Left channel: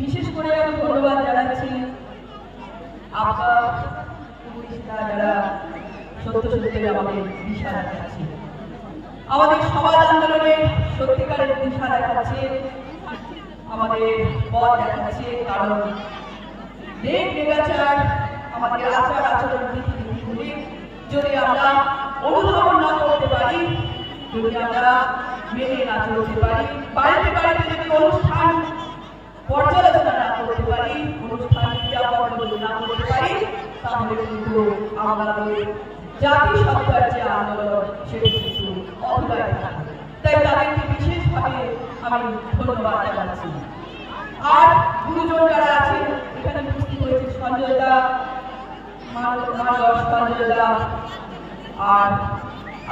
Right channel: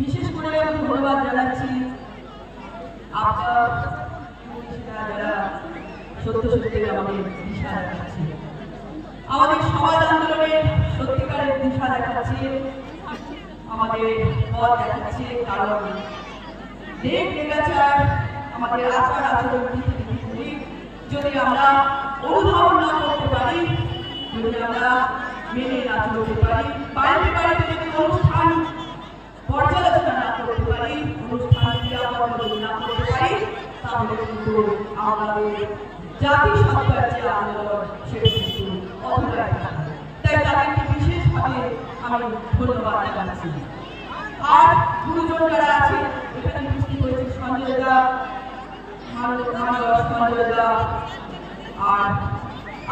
বিশেষ করে আমি ধন্যবাদ জানাচ্ছি আমাদের সমাজ আন্দোলনের সত্যিকারের দিশা দেখাচ্ছে, আমাদের পথ দেখাচ্ছে, কারণ দেব লেগাচার আমাদের আচার আচরণ নীতিগুলি যদি আমরা অনুধাবন না করতে পারি, যদি আমরা মেনে না চলতে পারি বাড়িতে বাড়িতে যদি অনুষ্ঠান পর্যালোচনা করতে পারি, অনুষ্ঠান করতে পারি আমাদের জাতি সত্তার আন্দোলন, সেটা কিন্তু তাদেরকে বিশেষভাবে আমি ধন্যবাদ জানাচ্ছি। আর আছে এখানে উপস্থিত হয়েছে সঞ্জয় দা মানব সঞ্জয় দা আর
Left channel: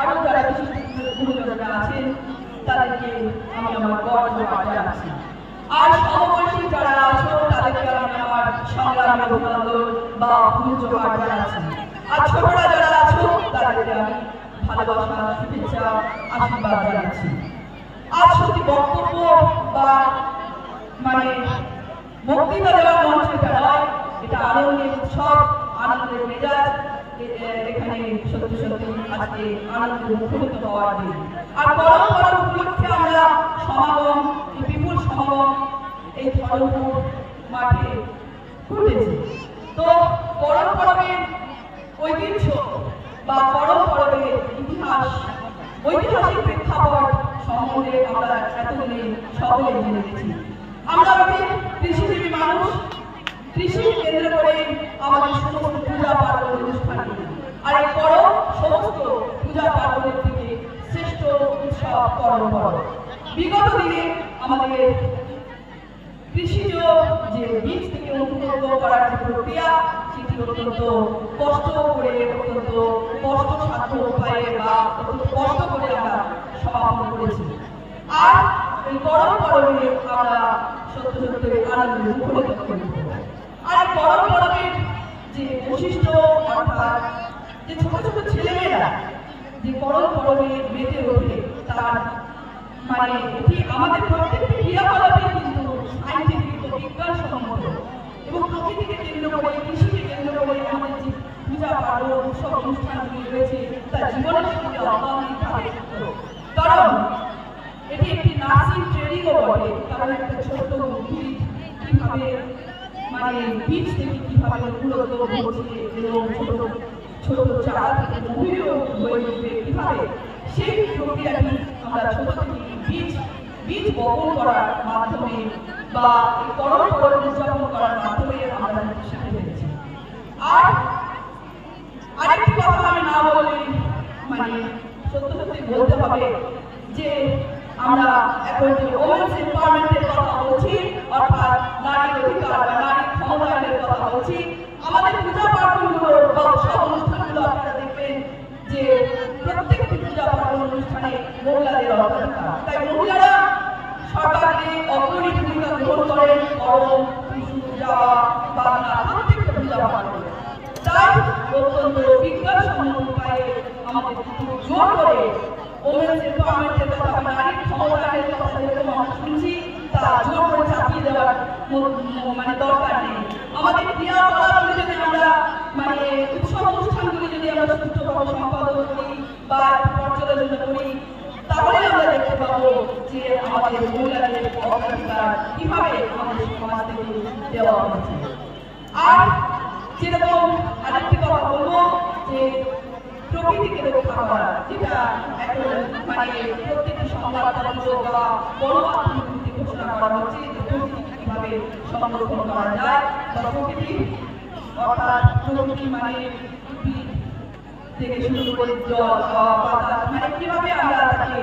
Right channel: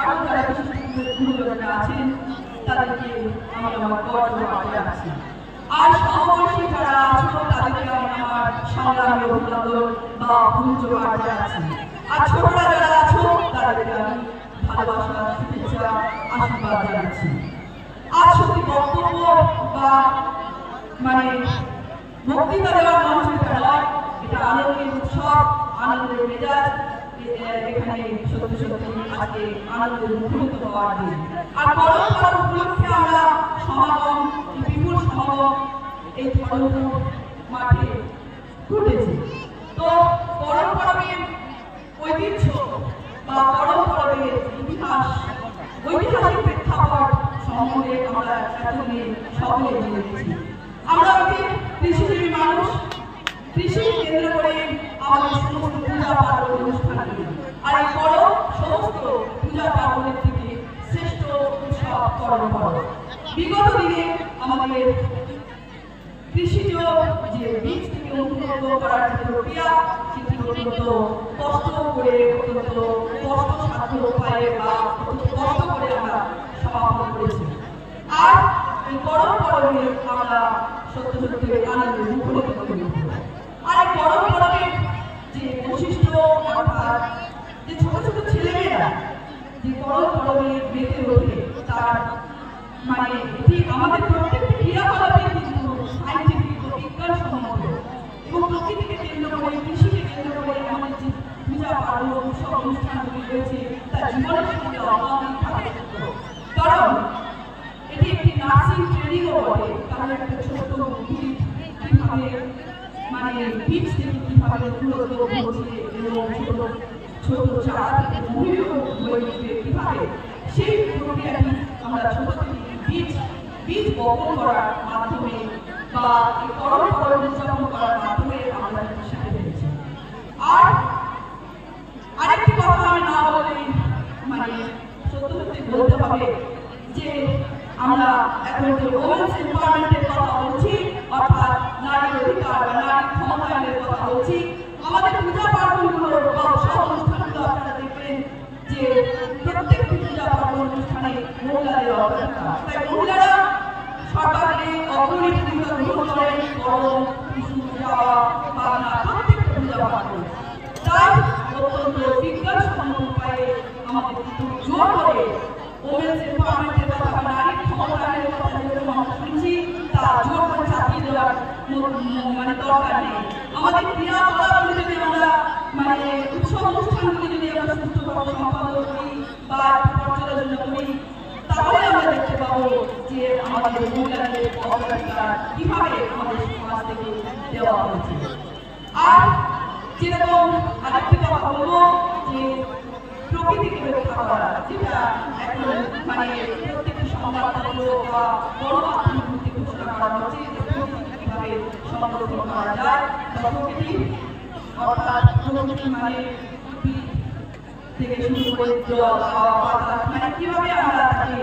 আরও যারা বিশিষ্ট গুরুজনরা আছেন তাদেরকে আমি আমার গর্ব জানাচ্ছি আর সমবয়সী যারা আছো তাদেরকে আমি আমার সংগ্রামী অভিনন্দন বা গুরুজোহার জানাচ্ছি আর ছোটরা যারা আছো তাদেরকে আমি ভালোবাসা শুভেচ্ছা আশীর্বাদ আজ সত্যি বক্তব্য বা মানে বক্তৃতা দেওয়ার মঞ্চ এটা এটা আনন্দের উৎসব, আনন্দের মেজাজ এখানে সত্যি সত্যি আজকে আনন্দের মুখরিত হওয়ার দিন। আর পরম পরম উপলক্ষে আমরা সমাগম বিপুল সমাগম, এই ধর্মপুর মাঠে ঘটেছে। তো পরম পরমের ঐতিহ্য বা পরম পরমের ইতিহাস, ঐতিহাসিক সকলে গেছি। আমরা ওই কৃষিজীবী মানুষ। কৃষিকে কেন্দ্র করে আমাদের সমস্ত পূজা পার্বণ অনুষ্ঠানগুলি আর এই বড় সমস্ত পূজা পার্বণের থেকে শ্রেষ্ঠ উৎসব করণ বড় বিগত দিনে আমাদের কৃষিজ যে বীজ থেকে অঙ্কুরিত করার যে প্রক্রিয়া, সেটি অত্যন্ত কষ্ট করে, অত্যন্ত কষ্ট সাধ্য উপায়ে বা অত্যন্ত কষ্ট করে আমরা সমাপন করেছি আর করি আর এই পরবের যে বৈশিষ্ট্য ছোট ছোট ছেলেমেয়েরা যে গরম পরবে মেতে মানে এটি আমাদের প্রত্যেকটি ক্রিয়াকলাপে কিন্তু সাইন্টিফিক ও বিজ্ঞানসম্মত এবং প্রকৃতিকে কেন্দ্র করে, কৃষিকে কেন্দ্র করে আমাদের যে পূজা, পার্বণ, উৎসব, অনুষ্ঠানগুলি রয়েছে কারণ মানে সেই ছোট বীজ বীজ বপন করার মাধ্যমে বা করণ করণ করার মাধ্যমে আর আরেকটি কথা আমি না বলে মানে সত্য সত্যি বলতে হবে যে আমরা এখন যে ওমেন্স এম্পাওয়ারমেন্টের কথা বলছি অর্থাৎ নারীর অধিকার বা নারীর ক্ষমতায়নের কথা বলছি আমাদের পূজা পার্বণগুলোর বা সব অনুষ্ঠানগুলো আপনারা দেখবেন যে প্রত্যেকটি পূজা পার্বণ অনুষ্ঠানে মহিলাদের অগ্রাধিকার তাই মহিলারা সরকারকে অগ্রণী ভূমিকা গ্রহণ করেন করম বিষ্ণু যাওয়া বাংলা প্রত্যেকটা পূজা পার্বণ তাই অত্যন্ত বিজ্ঞানসম্মত উপায়ে আমাদের কিন্তু জোর করে ওমেন্স এম্পাওয়ারমেন্টের কথা বা নারীর ক্ষমতায়নের কথা যেরকম আমরা শুনছি তা জোর করে চাপিয়ে দেওয়ার ম- ম- মানে দরকার নেই আমাদের ক্রিয়াকলাপগুলি যদি আমরা মানে উৎসব অনুষ্ঠানগুলি যদি আমরা সুষ্ঠুভাবে সম্পাদন করি বা পর্যালোচনা করি তাহলে আমরা দেখতে পাবো যে আমাদের মহিলাদের কীভাবে আমাদের সমাজ থেকে দেওয়া হয়েছে। আর যেরকম আরেকটি কথা বলব যে প্রকৃতিকে রক্ষা করা, যেটা এখন মানে প্রত্যেকটি সংবাদপত্র বা গণমাধ্যমগুলিতে ঘোষণা করা হচ্ছে যে প্রকৃতিকে কীভাবে সংরক্ষণ করা যায় বা প্রকৃতি, অর্থাৎ প্রকৃতি মানে থেকে শুরু করে জল বাতাস মানে কীভাবে আমরা তাকে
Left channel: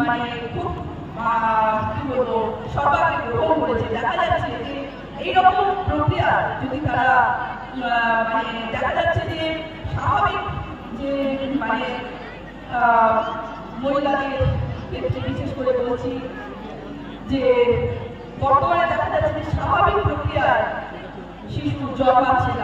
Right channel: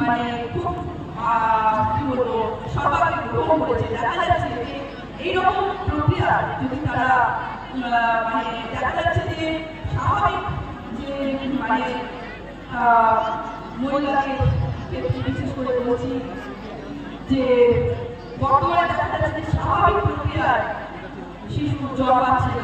মানে খুব কি বলব সরকারকে গ্রহণ করেছে দেখা যাচ্ছে যে এইরকম প্রক্রিয়া যদি তারা মানে দেখা যাচ্ছে যে স্বাভাবিক যে মানে মহিলাদের বিশেষ করে বলছি যে বর্তমানে দেখা যাচ্ছে যে স্বাভাবিক প্রক্রিয়ায় শিশু জন্মাচ্ছে না।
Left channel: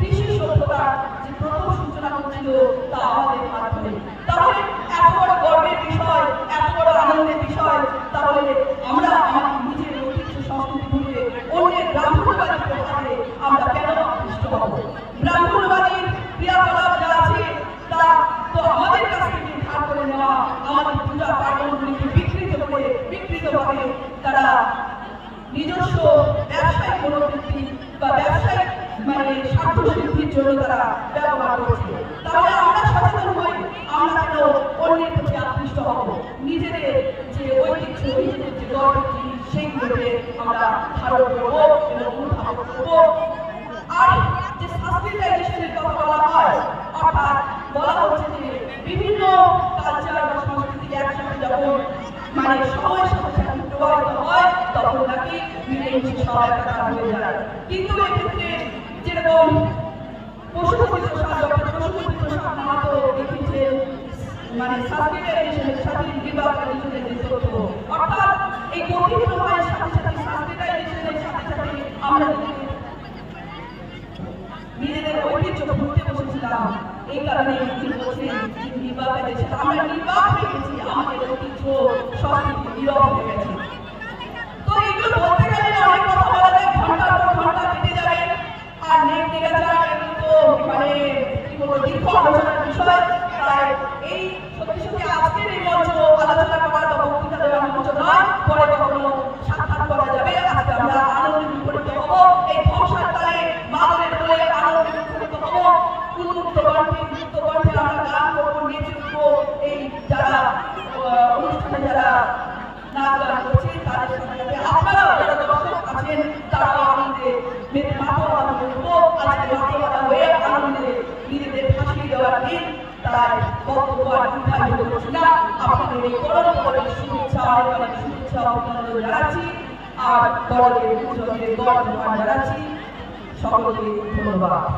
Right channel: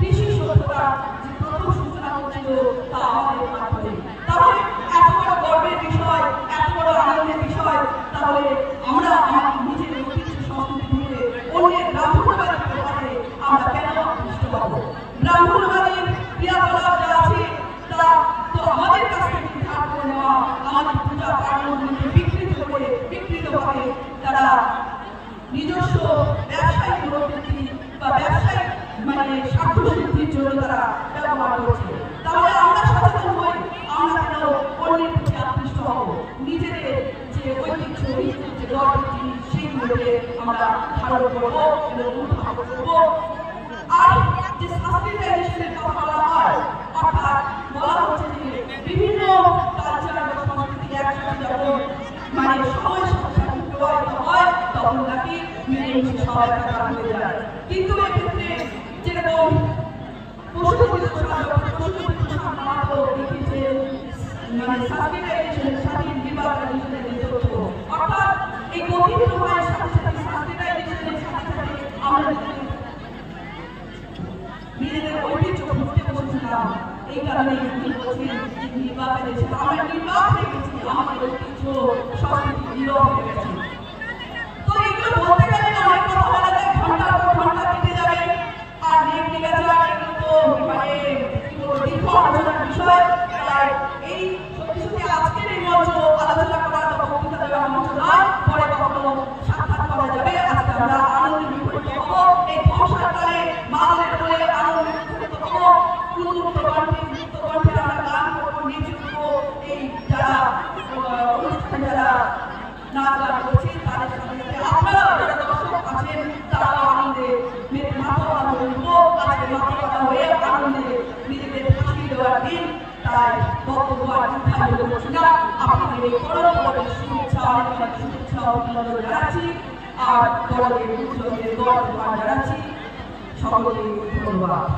বিশেষ কিন্তু এক্ষেত্রে যেরকম পশুপতিত সার যখন পশুপতিত সার মানে আজকের এই করোনা মোকাবেলার শুভেচ্ছা অনেক শুভেচ্ছা অভিনন্দন জানাচ্ছি আর করোনা বিরুদ্ধে বর্তমান জানাচ্ছি সকলকে ধন্যবাদ।